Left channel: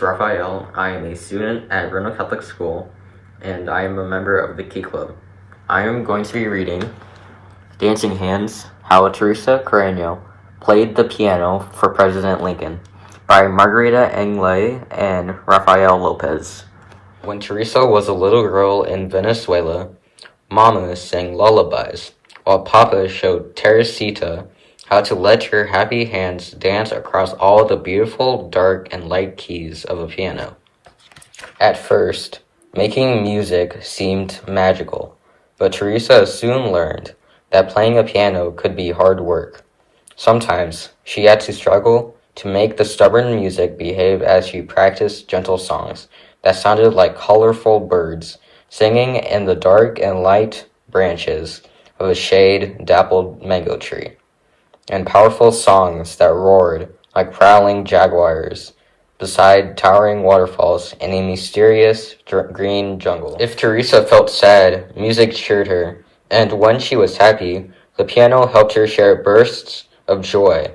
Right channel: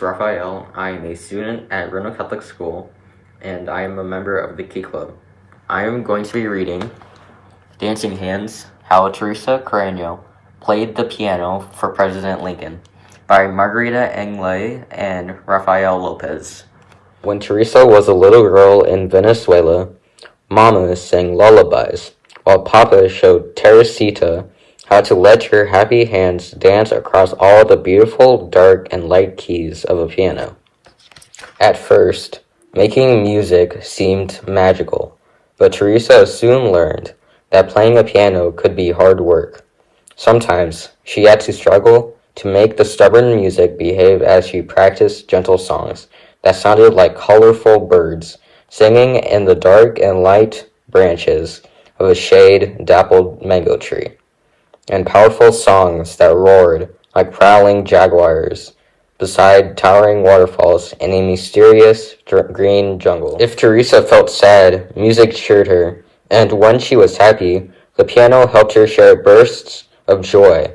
is Raphael. I am a student at Roanoke Catholic School, and I am a member of the Key Club. I am going to be reading Dancing Hands, How Teresa Carreño Played the Piano for President Lincoln by Margarita Engle and Rafael Lopez. When Teresa was a little girl in Venezuela, Mama sang lullabies, while Papa showed Teresita how to let her happy hands dance across all the beautiful dark and light keys of a piano. At first, making music seemed magical, but Teresa soon learned that playing a piano could be hard work. Sometimes she had to struggle to make the stubborn music behave as she practiced gentle songs that sounded like colorful birds singing in the dark and light branches of a shade-dappled mango tree, and powerful songs that roared like prowling jaguars beside towering waterfalls in a mysterious green jungle. If Teresa felt sad, music cheered her, and when she was happy, the piano helped her share bursts of joy.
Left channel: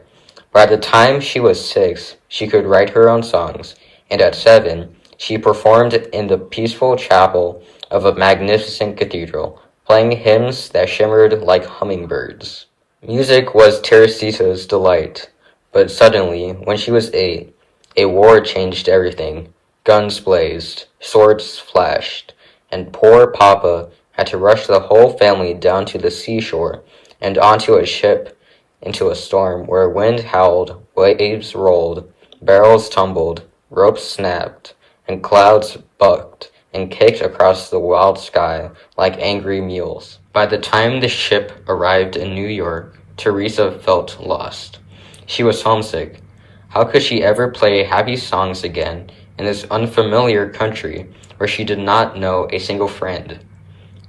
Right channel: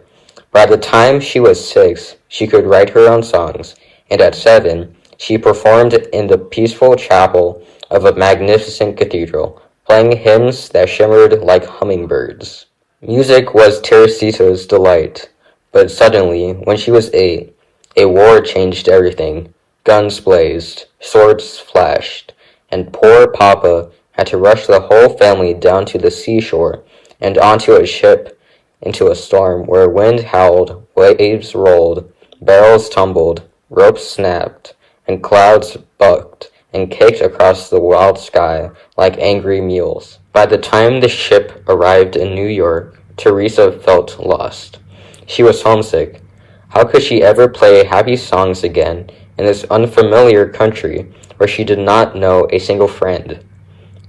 By the time she was 6, she could write her own songs, and at 7, she performed in the peaceful chapel of a magnificent cathedral, playing hymns that shimmered like hummingbirds. Music was Teresita's delight, but suddenly, when she was 8, a war changed everything. Guns blazed, swords flashed, and poor Papa had to rush the whole family down to the seashore and onto a ship into a storm where wind howled, waves rolled, barrels tumbled, ropes snapped, and clouds bucked and kicked across the wild sky like angry mules. By the time the ship arrived in New York, Teresa felt lost. She was homesick. How could she ever play happy songs again in this unfamiliar country where she did not know a single friend?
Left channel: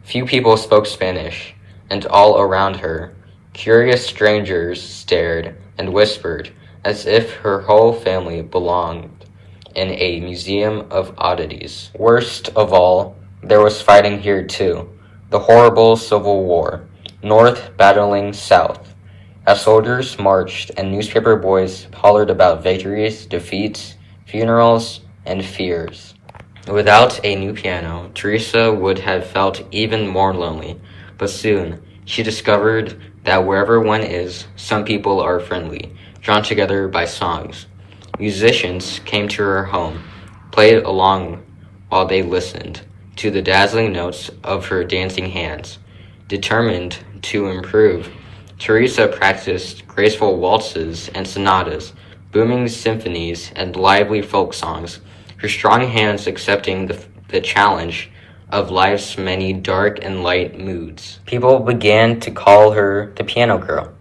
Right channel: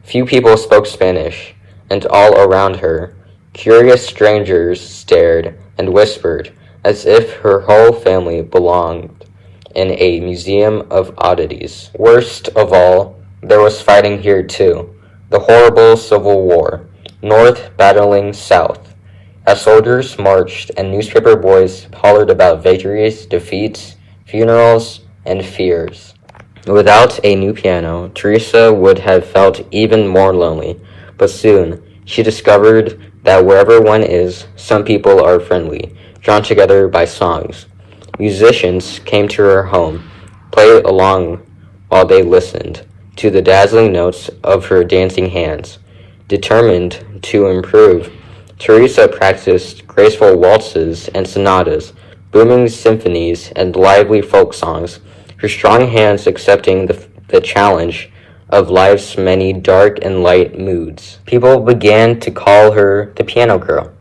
Few people spoke Spanish, and all around her, curious strangers stared and whispered as if her whole family belonged in a museum of oddities. Worst of all, there was fighting here too. The horrible Civil War, North battling South. As soldiers marched and newspaper boys hollered about victories, defeats, funerals, and fears. Without a new piano, Teresa would have felt even more lonely, but soon she discovered that wherever one is, some people are friendly, drawn together by songs. Musicians came to her home, played along while they listened to the dazzling notes of her dancing hands. Determined to improve, Teresa practiced graceful waltzes and sonatas, booming symphonies, and lively folk songs, her strong hands accepting the challenge of life's many dark and light moods. People began to call her the Piano Girl.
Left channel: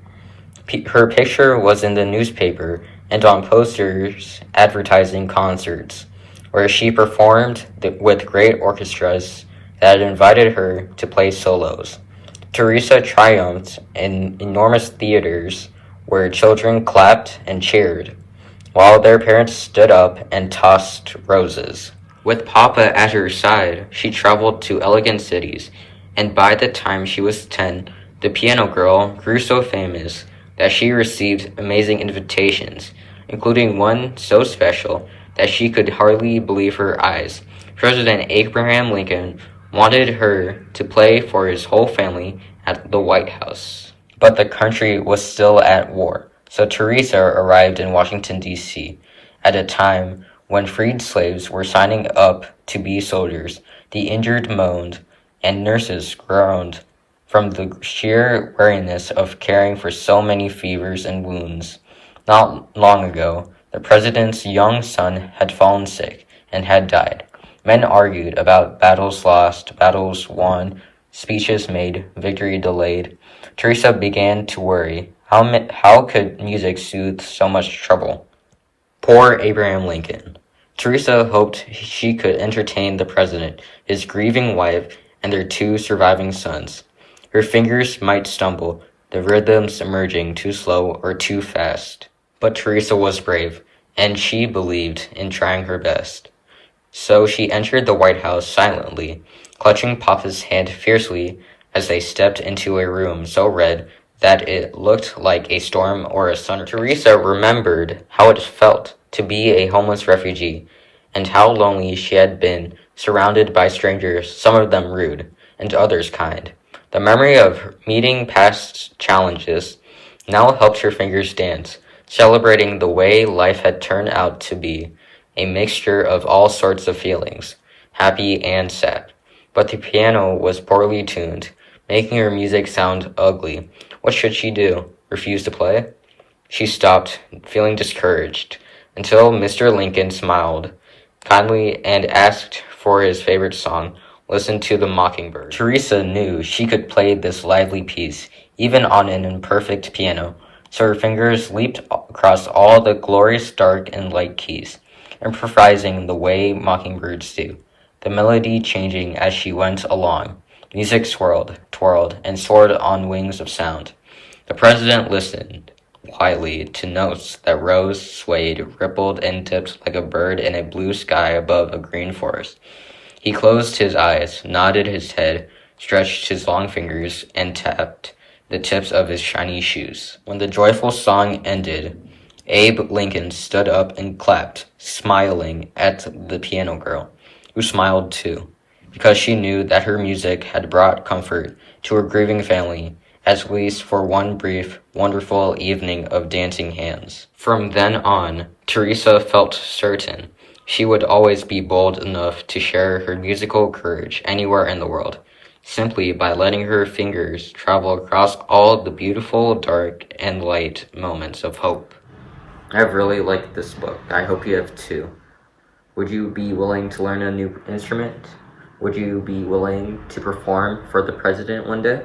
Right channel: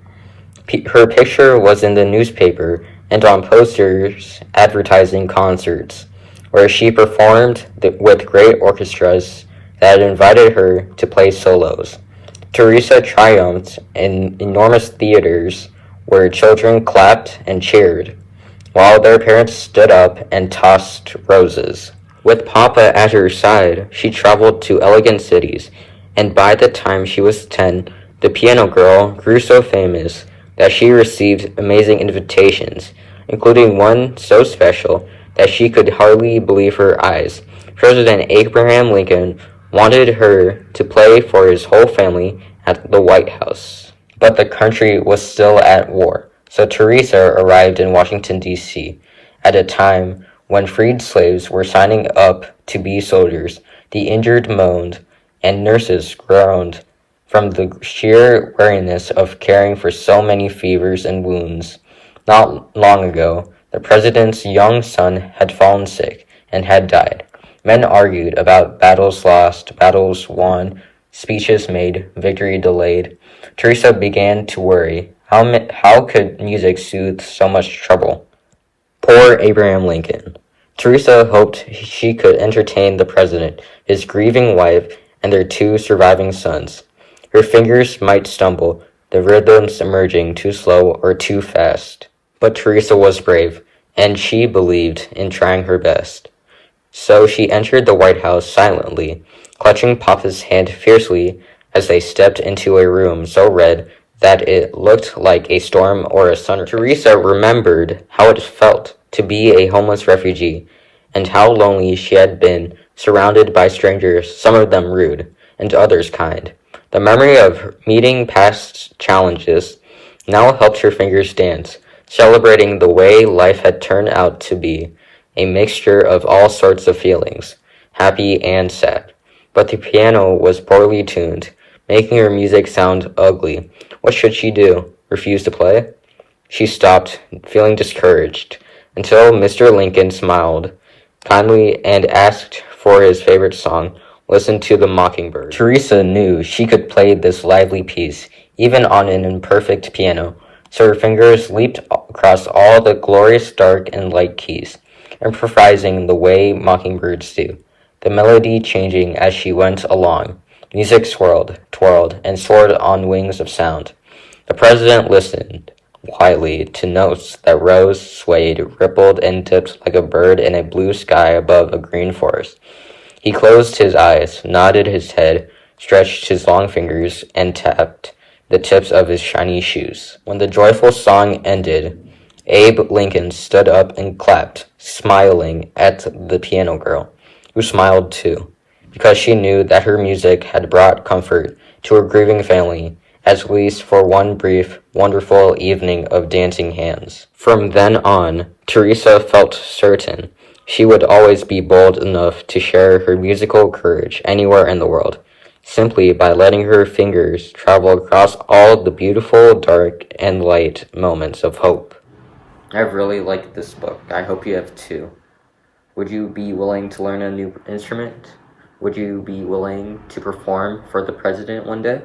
Her picture was in the newspaper and on posters advertising concerts, where she performed with great orchestras that invited her to play solos. Teresa triumphed in enormous theaters where children clapped and cheered, while their parents stood up and tossed roses. With Papa at her side, she traveled to elegant cities, and by the time she was 10, the Piano Girl grew so famous that she received amazing invitations, including one so special that she could hardly believe her eyes. President Abraham Lincoln wanted her to play for his whole family at the White House. But the country was still at war, so Teresa arrived in Washington, D.C. at a time when freed slaves were signing up to be soldiers. The injured moaned, and nurses groaned from the sheer weariness of caring for so many fevers and wounds. Not long ago, the president's young son had fallen sick and had died. Men argued about battles lost, battles won, speeches made, victory delayed. Teresa began to worry. How could music soothe so much trouble? Poor Abraham Lincoln. Teresa hoped she could entertain the president, his grieving wife, and their 2 surviving sons. Her fingers might stumble, the rhythms emerging too slow or too fast. But Teresa was brave, and she believed in trying her best. So she entered the White House silently, clutching Papa's hand fiercely as they stepped into a room so red that it looked like a storm or a sun. Teresa remembered how it felt to be a homeless refugee and how lonely she had been, surrounded by strangers, some of them rude, and others kind. The memory of meeting past challenges now helped her fingers dance, celebrating the way life had turned out to be, a mixture of all sorts of feelings, happy and sad. But the piano was poorly tuned, making her music sound ugly. What should she do? Refuse to play? She stopped, feeling discouraged, until Mr. Lincoln smiled kindly and asked for his favorite song, Listen to the Mockingbird. Teresa knew she could play this lively piece, even on an imperfect piano, so her fingers leaped across all the glorious dark and light keys, improvising the way mockingbirds do, the melody changing as she went along. Music swirled, twirled, and soared on wings of sound. The president listened quietly to notes that rose, swayed, rippled, and tipped like a bird in a blue sky above a green forest. He closed his eyes, nodded his head, stretched his long fingers, and tapped the tips of his shiny shoes. When the joyful song ended, Abe Lincoln stood up and clapped, smiling at the piano girl, who smiled too, because she knew that her music had brought comfort to her grieving family, at least for one brief, wonderful evening of dancing hands. From then on, Teresa felt certain she would always be bold enough to share her musical courage anywhere in the world, simply by letting her fingers travel across all the beautiful, dark, and light moments of hope. I've really liked this book. I hope you have too. Would you be willing to learn a new instrument? Would you be willing to perform for the president one day?